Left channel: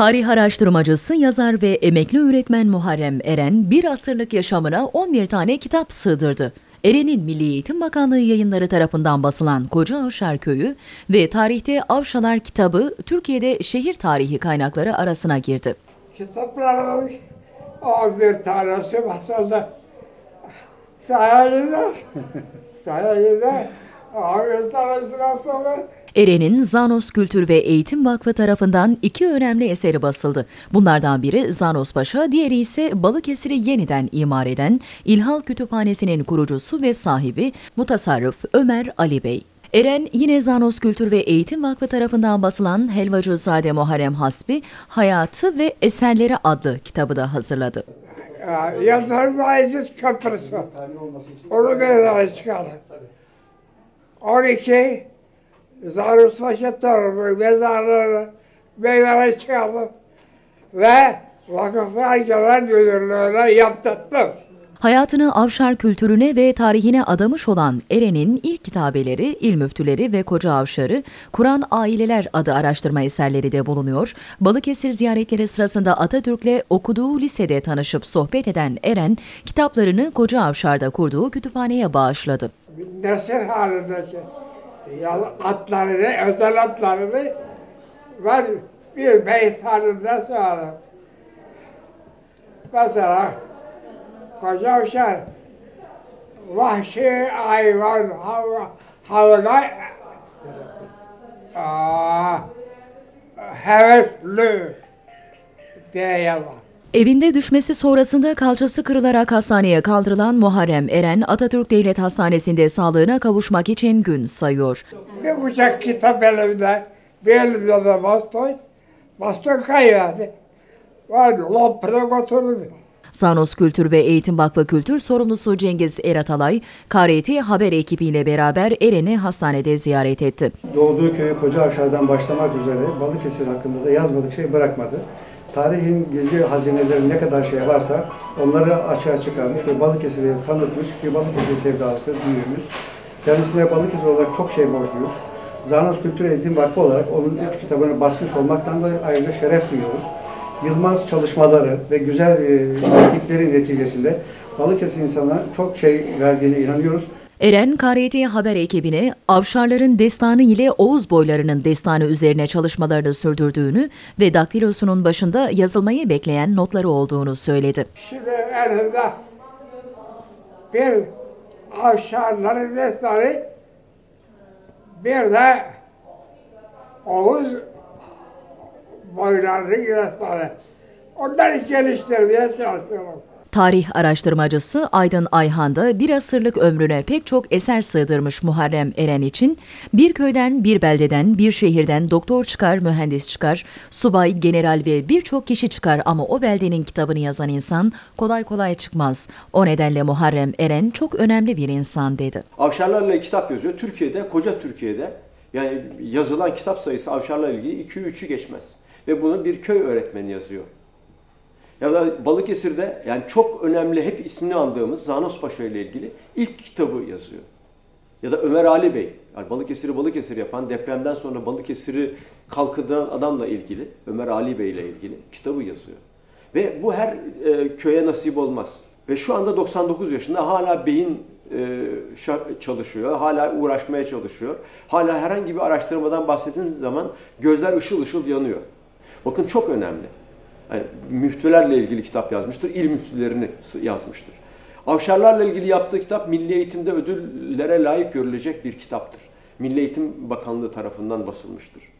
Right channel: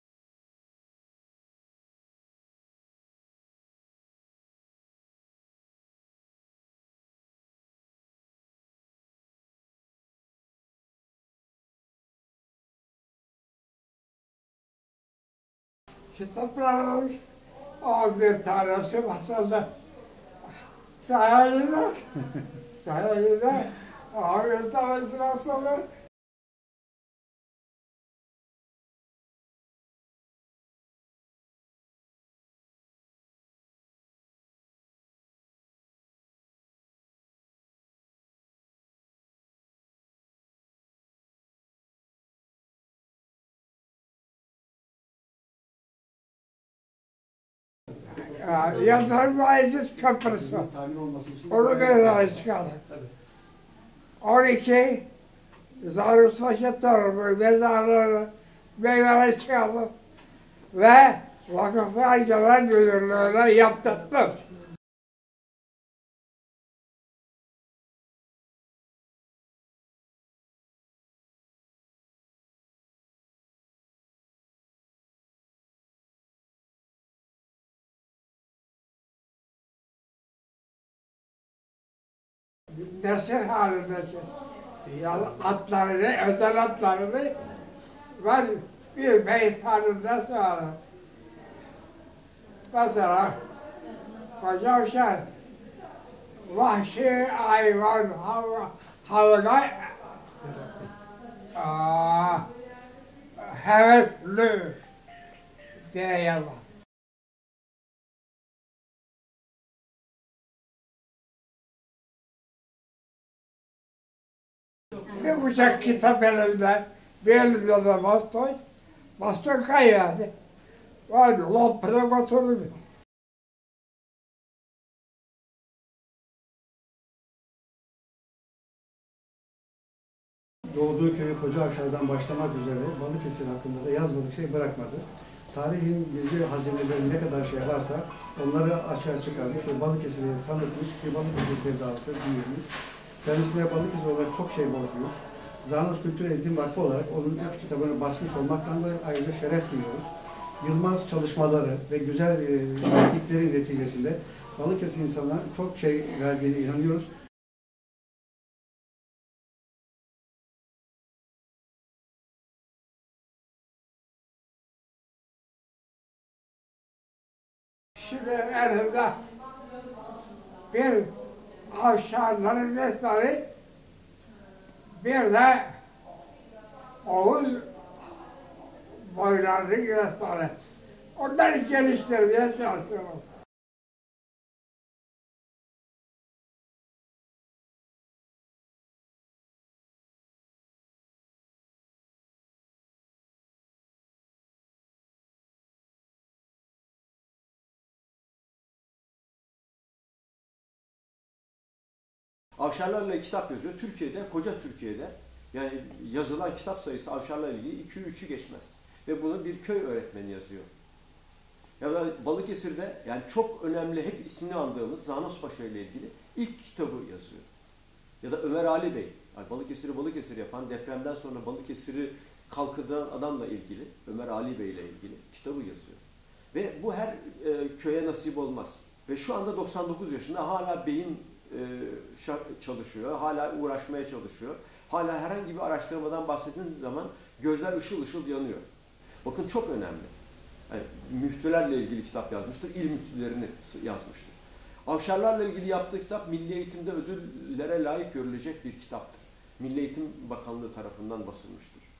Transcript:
Tarih araştırmacısı, yazar ve emekli öğretmen Muharrem Eren bir asırlık yaşamına 11 tane kitap sığdırdı. Eren'in Milli Eğitim Bakanlığı yayınları tarafından basılan Koca Avşar Köyü ve Tarihte Avşalar kitabı Türkiye'de şehir tarihi kaynakları arasına girdi. Kitaplar bir tanesi basıldı. Sayede, sayede bir tanesi basıldı. Eren'in Zanos Kültür ve Eğitim Vakfı tarafından iki önemli eseri basıldı. Bunlardan biri Zanos Paşa, diğeri ise Balıkesir'i yeniden imar eden İlhal Kütüphanesi'nin kurucusu ve sahibi Mutasarrıf Ömer Ali Bey. Eren yine Zanos Kültür ve Eğitim Vakfı tarafından basılan Helvacızade Muharrem Hasbi, Hayatı ve Eserleri adlı kitabı da hazırladı. Yıldırım Bayezid Köprüsü. Onu meydana çıkardı. 12 Paşa torunu mezarları meydana çıkardı. Ve vakıflar genel müdürlüğüne yaptırdım. Hayatını avşar kültürüne ve tarihine adamış olan Eren'in ilk kitabeleri, İl Müftüleri ve Koca Avşarı, Kur'an Aileler adı araştırma eserleri de bulunuyor. Balıkesir ziyaretleri sırasında Atatürk'le okuduğu lisede tanışıp sohbet eden Eren, kitaplarını Koca Avşar'da kurduğu kütüphaneye bağışladı. Nesil halindeki atlarını, özel atlarını ben bir beyt halinde sağladım. Mesela Koca Uşak vahşi hayvan hav havına aa, hevesli diye yazar. Evinde düşmesi sonrasında kalçası kırılarak hastaneye kaldırılan Muharrem Eren, Atatürk Devlet Hastanesi'nde sağlığına kavuşmak için gün sayıyor. Bir bıçak kitap elimde, bir elimde de baston, baston kayıyordu. Ben lopunu götürdüm. Zanos Kültür ve Eğitim Vakfı Kültür sorumlusu Cengiz Eratalay, KRT haber ekibiyle beraber Eren'i hastanede ziyaret etti. Doğduğu köyü Koca Avşar'dan başlamak üzere Balıkesir hakkında da yazmadık şey bırakmadı. Tarihin gizli hazineleri ne kadar şey varsa onları açığa çıkarmış ve Balıkesir'i tanıtmış bir Balıkesir sevdalısı büyüğümüz. Kendisine Balıkesir olarak çok şey borçluyuz. Zanos Kültür Eğitim Vakfı olarak onun üç kitabını basmış olmaktan da ayrıca şeref duyuyoruz. Yılmaz çalışmaları ve güzel e, pratikleri neticesinde Balıkesir insana çok şey verdiğine inanıyoruz. Eren, KRT haber ekibine Avşarların destanı ile Oğuz boylarının destanı üzerine çalışmalarını sürdürdüğünü ve daktilosunun başında yazılmayı bekleyen notları olduğunu söyledi. Şimdi elimde bir avşarların destanı, bir de Oğuz boylarının destanı. Onları geliştirmeye çalışıyorum. Tarih araştırmacısı Aydın Ayhan da bir asırlık ömrüne pek çok eser sığdırmış Muharrem Eren için bir köyden, bir beldeden, bir şehirden doktor çıkar, mühendis çıkar, subay, general ve birçok kişi çıkar ama o beldenin kitabını yazan insan kolay kolay çıkmaz. O nedenle Muharrem Eren çok önemli bir insan dedi. Avşarlarla kitap yazıyor. Türkiye'de, koca Türkiye'de yani yazılan kitap sayısı avşarlarla ilgili 2-3'ü geçmez. Ve bunu bir köy öğretmeni yazıyor. Ya da Balıkesir'de yani çok önemli hep ismini andığımız Zanos Paşa ile ilgili ilk kitabı yazıyor. Ya da Ömer Ali Bey, yani Balıkesir'i Balıkesir yapan, depremden sonra Balıkesir'i kalkındıran adamla ilgili, Ömer Ali Bey ile ilgili kitabı yazıyor. Ve bu her e, köye nasip olmaz. Ve şu anda 99 yaşında hala beyin e, çalışıyor, hala uğraşmaya çalışıyor. Hala herhangi bir araştırmadan bahsettiğiniz zaman gözler ışıl ışıl yanıyor. Bakın çok önemli. Yani müftülerle ilgili kitap yazmıştır, il müftülerini yazmıştır. Avşarlarla ilgili yaptığı kitap milli eğitimde ödüllere layık görülecek bir kitaptır. Milli Eğitim Bakanlığı tarafından basılmıştır.